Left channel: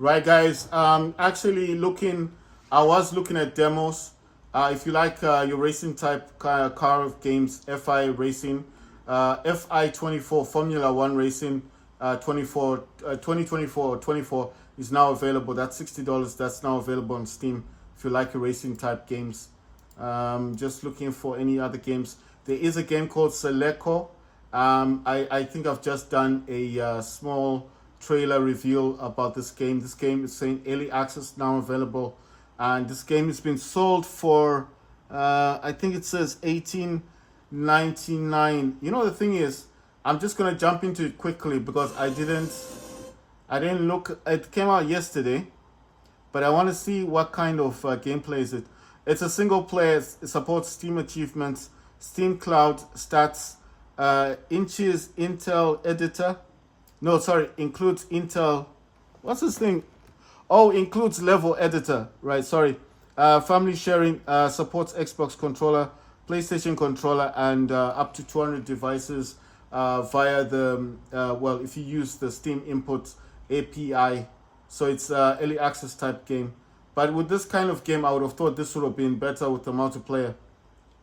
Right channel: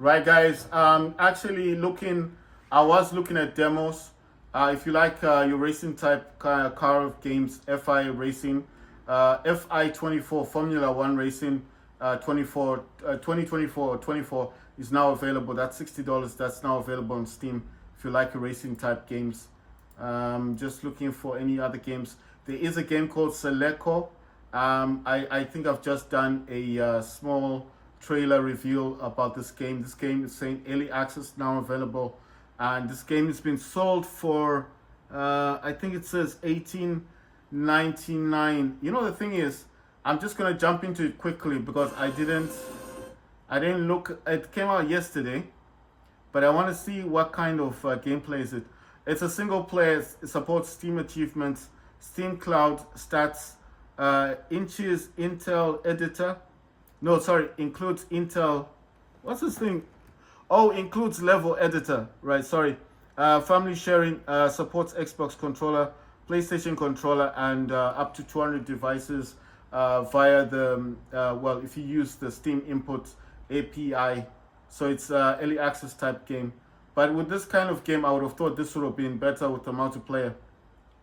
Right, guys. Actually, I was looking at demos. If you like your racing type car of games, FI racing, FI 24 Formula One racing, 24, 2024 or 24 is now available. That's $60. That's now available on Steam. If you like your racing type games, just looking for any other games. There is a game called Seleco. I think I've just done a small trailer reveal about this game. This game is saying early access now available, and this game has been sold for I think it says 18.99. You know the thing is, I'm just gonna jump into it quickly because I didn't look. It came out yesterday, but I want to see what kind of gameplay is it. It's a single player. It supports Steam achievements, Steam Cloud stats, inches Intel editor. No, sorry, includes Intel. What's this thing? Oh, includes level editor. Right, sorry. Family sharing, supports Xbox controller, PlayStation controller, and up to 200 devices via well, if you use the Steam Input API. So it's early access type game. But with this kind of game, I would have thought this would have been better with the multiplayer.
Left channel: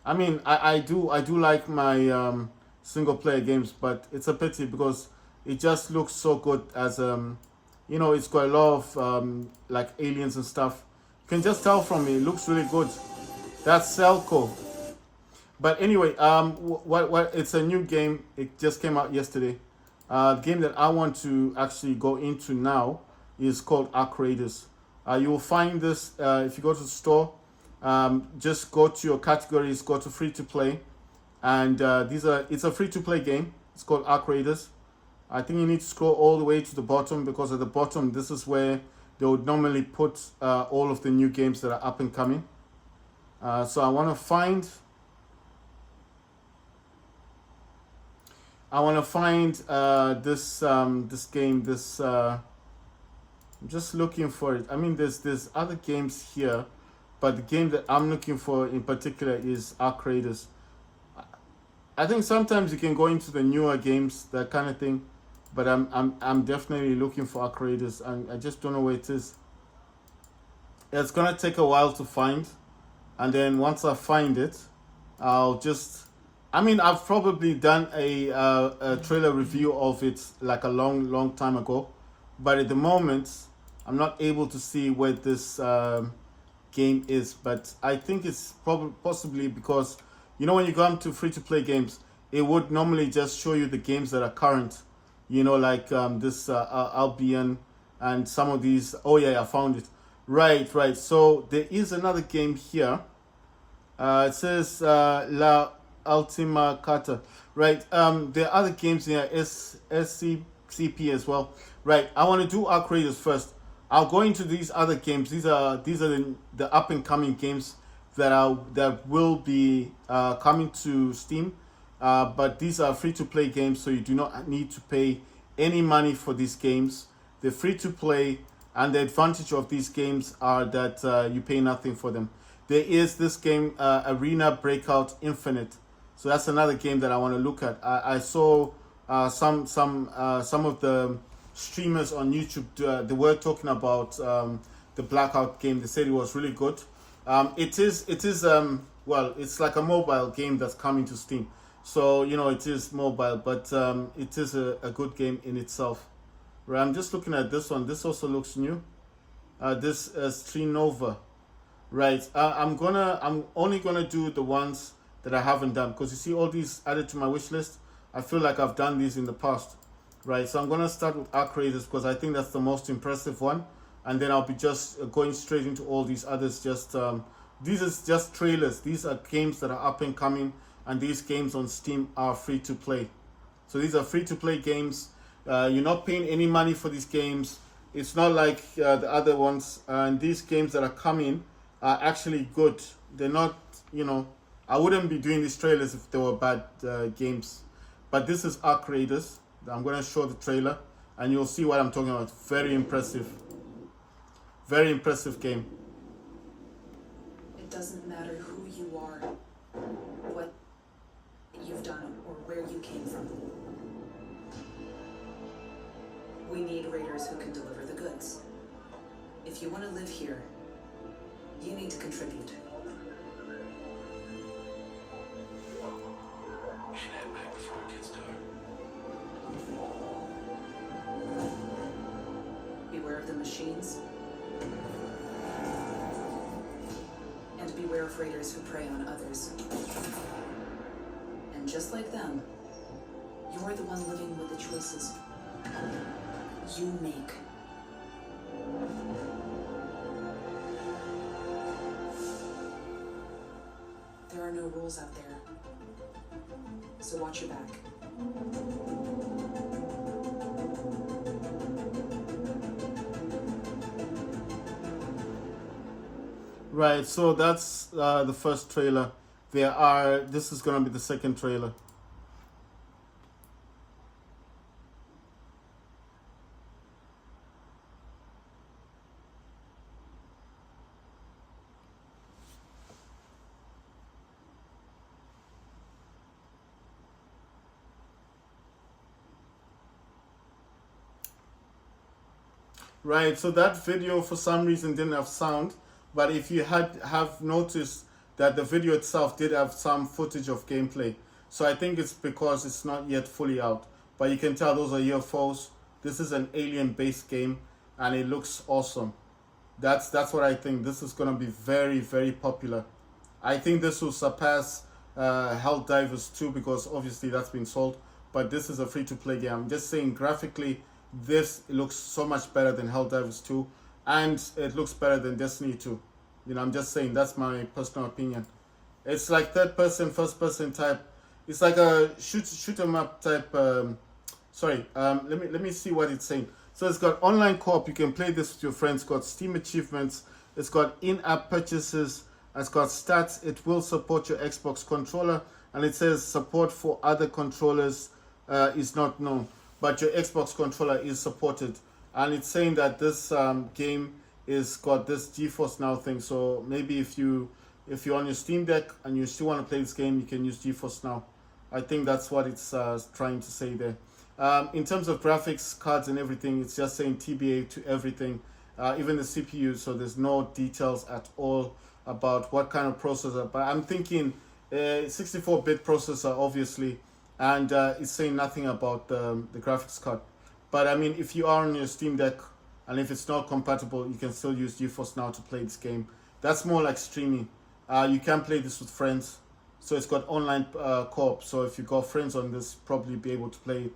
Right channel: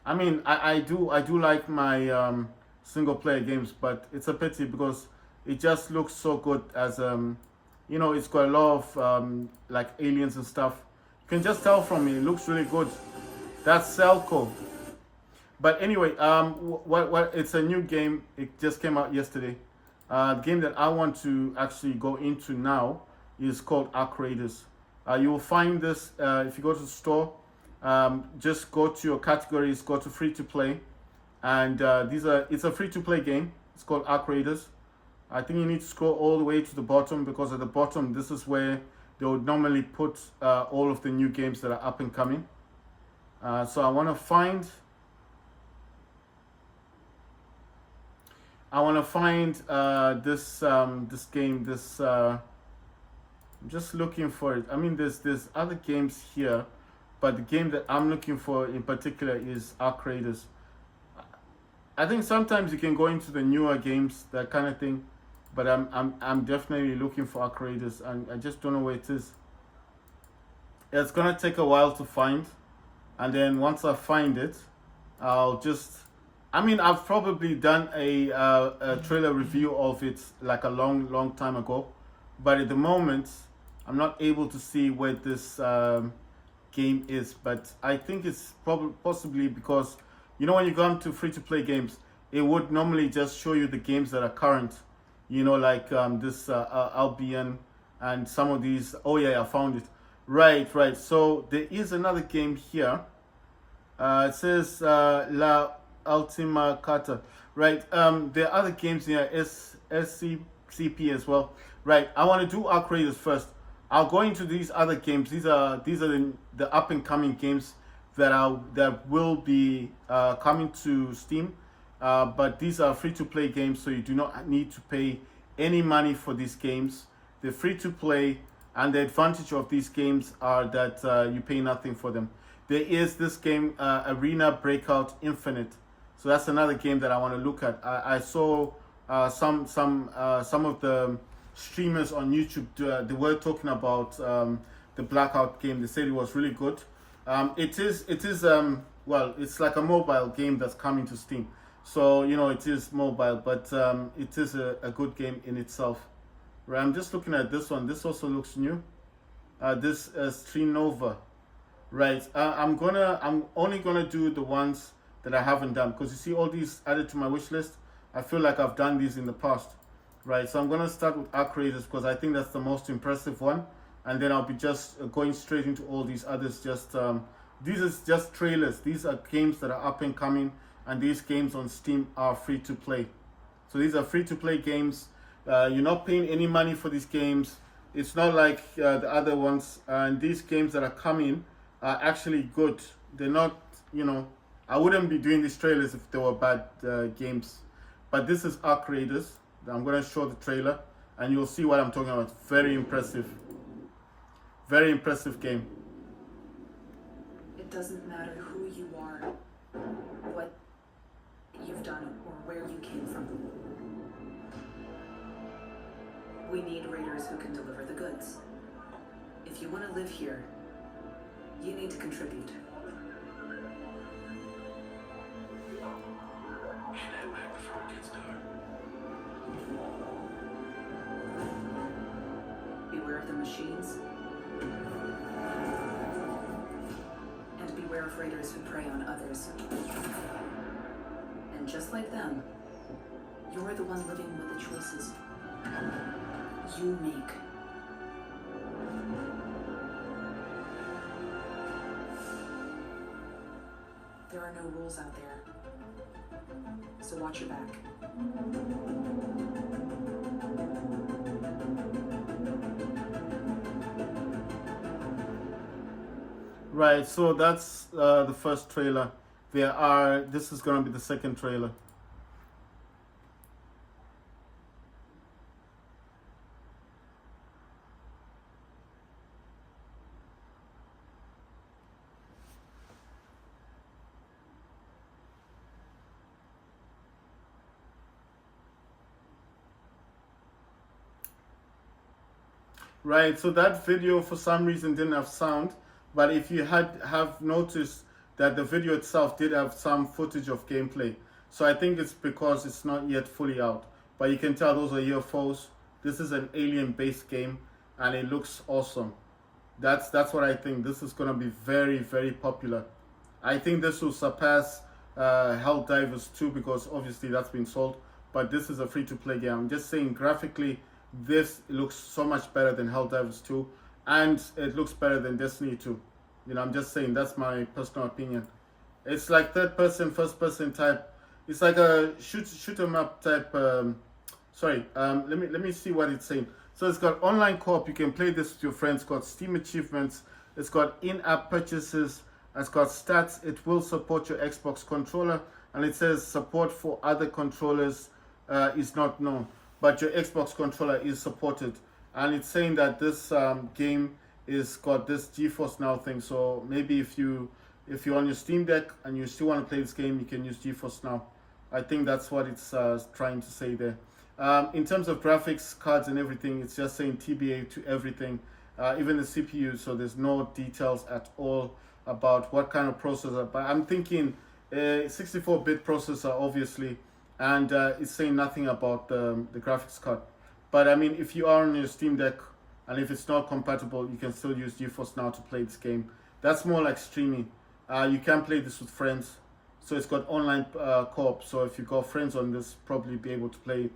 I mean, I do like my single player games, but it's a pity because it just looks so good as it's got a lot of like aliens and stuff. You can just tell from it looks really good. That's Celco. But anyway, what it's a new game. It just came out yesterday. The game that I want to actually go into now is called Ark Raiders. You will find this if you go to the store. Just go to your categories, go to free to play, and it's a free to play game. It's called Ark Raiders. I think you need to scroll all the way to the bottom because at the bottom this is where they would normally put all of the new games that are up and coming. So I want to find this game. I'm just looking for it. I mean, there's other games here, but the game that I'm looking for in particular is Ark Raiders. I think sometimes you can go into the newer games, that kind of thing, but I'm definitely looking for Ark Raiders, and I just don't know where it is. It's gonna take a while to find, and then once I find it, I'll just. I mean, I've probably done a trailer review of it like a long time ago, but at the moment, I'm not able to see where this game is. But I think it's probably possibly because when you go into free to play games, it would normally just show you the games that are current. Like this Albion and some of these. Oh yeah, I found it. Right. So there is another game here. It says La Ultima Carta. Right. There are other games here. SCCP as well. Right. I want to do Ark Raiders first. I'll go into these other games. These are the up and coming games that will be coming to Steam. But these are free to play games, so you do not need to pay any money for these games. They're free to play, and the advantage of these games are that you pay nothing for them. There is this game, Arena Breakout Infinite. So that's another game that I want to look at. I saw some of the streamers on YouTube. They were talking about the Blackout game. They said it was really good. It is well, it's like a mobile game that's coming to Steam. So it is mobile, but it is a good game in itself. Right, I'm just looking at this one. This also looks new. This Stream Nova. Right. I'm only gonna do the ones that I haven't done because you see all these added to my wish list. I feel like I've done these in the past. Right. So I'm gonna start with Ark Raiders because I think that's the most impressive one, and then I'll be just going straight into all these others. These are just trailers. These are games that are up and coming, and these games on Steam are free to play. So these are free to play games. You're not paying any money for these games. It's not like the other ones. And these games that are coming are actually good. They're not, I wouldn't be doing these trailers if they were bad games. But this is Ark Raiders. I'm going to show the trailer and you'll see what I'm talking about. Very impressive. Very impressive game. It doesn't matter who you are, what you've done, or where you came from. We need raiders who can deliver the goods. If you want to live here, you need to contribute. Beware of the machines. And beware of raiders who prey on others. And just like them, you're the one living with the choices you make. There are no rules out there, so watch your back. Right, so that's the first trailer. This is gonna be the second trailer. Right, so that video for some reason didn't have sound, but if you have noticed that the video itself did have some footage of gameplay. So I think it's because it's not yet fully out. But you can tell those are UFOs. This is an alien-based game, and it looks awesome. That's what I think. This is gonna be very, very popular. I think this will surpass Helldivers 2 because obviously that's been sold. But this is a free-to-play game. I'm just saying graphically, this looks so much better than Helldivers 2, and it looks better than Destiny 2. You know, I'm just saying that's my personal opinion. It's like third person, first person type. It's like a shoot 'em up type. Let me see what it's saying. So it's got online co-op. You can play this with your friends. It's got Steam achievements. It's got in-app purchases. It's got stats. It will support your Xbox controller, and it says support for other controllers is not known, but your Xbox controller is supported. And it's saying that this game is got this GeForce Now thing. So maybe if you're on your Steam Deck and you still want to play this game, you can use GeForce Now. I think that's what it's trying to say there. In terms of graphics cards and everything, it's just saying TBA to everything, even the CPU. So there's no details at all about what kind of processor. But I'm thinking 64-bit processor, obviously, and it's saying nothing about the graphics card. But I mean, if you are on your Steam Deck and if it's not compatible, you can still use GeForce Now to play this game. That's more like streaming. You can play this with friends. So it's got online co-op. So if you got friends on this, probably be able to play it.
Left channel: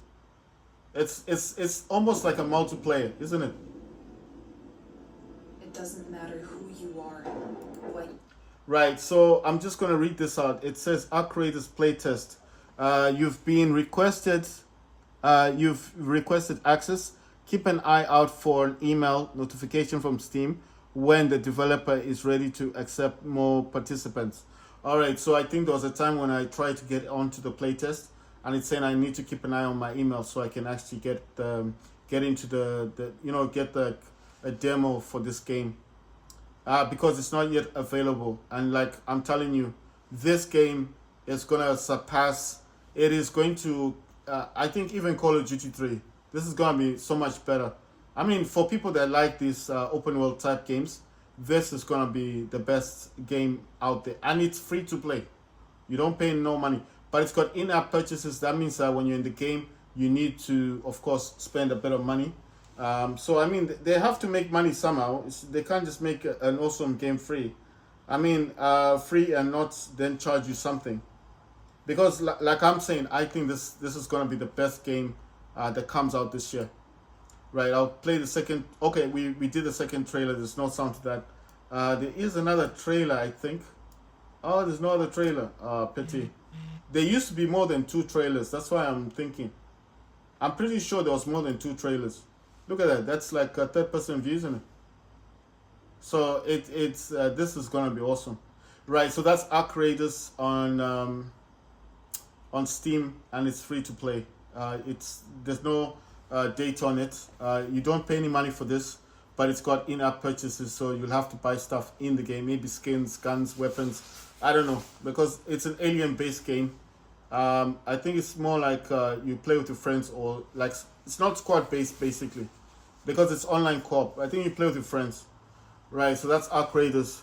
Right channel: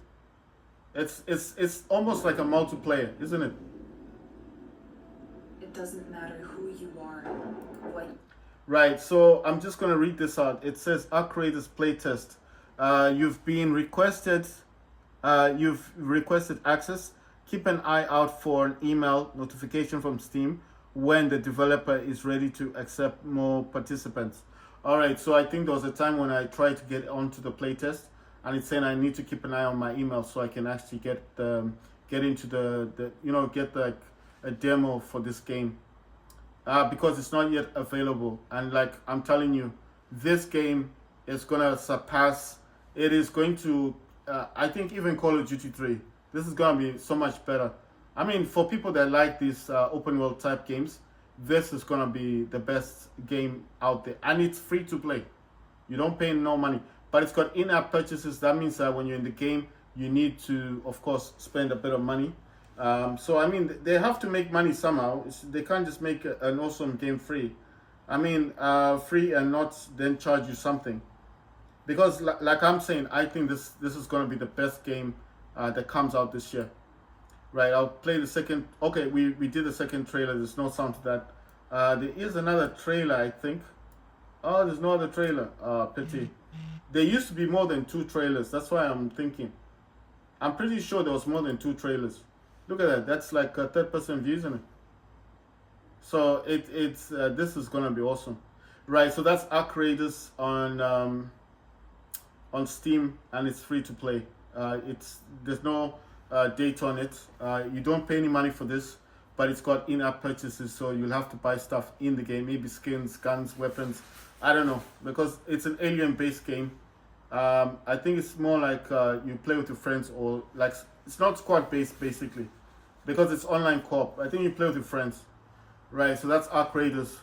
It's almost like a multiplayer, isn't it? It doesn't matter who you are, what. Right, so I'm just going to read this out. It says, Arc Raiders playtest. You've requested access. Keep an eye out for an email notification from Steam when the developer is ready to accept more participants. All right, so I think there was a time when I tried to get onto the playtest, and it's saying I need to keep an eye on my email so I can actually get into get a demo for this game, because it's not yet available. And like I'm telling you, this game is gonna surpass. It is going to, I think, even Call of Duty 3. This is gonna be so much better. I mean, for people that like these open world type games, this is gonna be the best game out there, and it's free to play. You don't pay no money, but it's got in-app purchases. That means that when you're in the game, you need to, of course, spend a bit of money. So I mean, they have to make money somehow. They can't just make an awesome game free. I mean, free and not then charge you something. Because like I'm saying, I think this is gonna be the best game that comes out this year. Right, I'll play the second. Okay, we did the second trailer. There's no sound to that. There is another trailer, I think. Oh, there's no other trailer. Pity. There used to be more than 2 trailers. That's why I'm thinking. I'm pretty sure there was more than 2 trailers. Look at that. That's like a third-person view, isn't it? So it's this is gonna be awesome. Right. So that's Arc Raiders on Steam, and it's free to play. There's no date on it. You don't pay any money for this, but it's got in-app purchases, so you'll have to buy stuff in the game, maybe skins, guns, weapons. I don't know, because it's an alien-based game. I think it's more like you play with your friends, or like it's not squad-based basically, because it's online co-op. I think you play with your friends. Right, so that's Arc Raiders.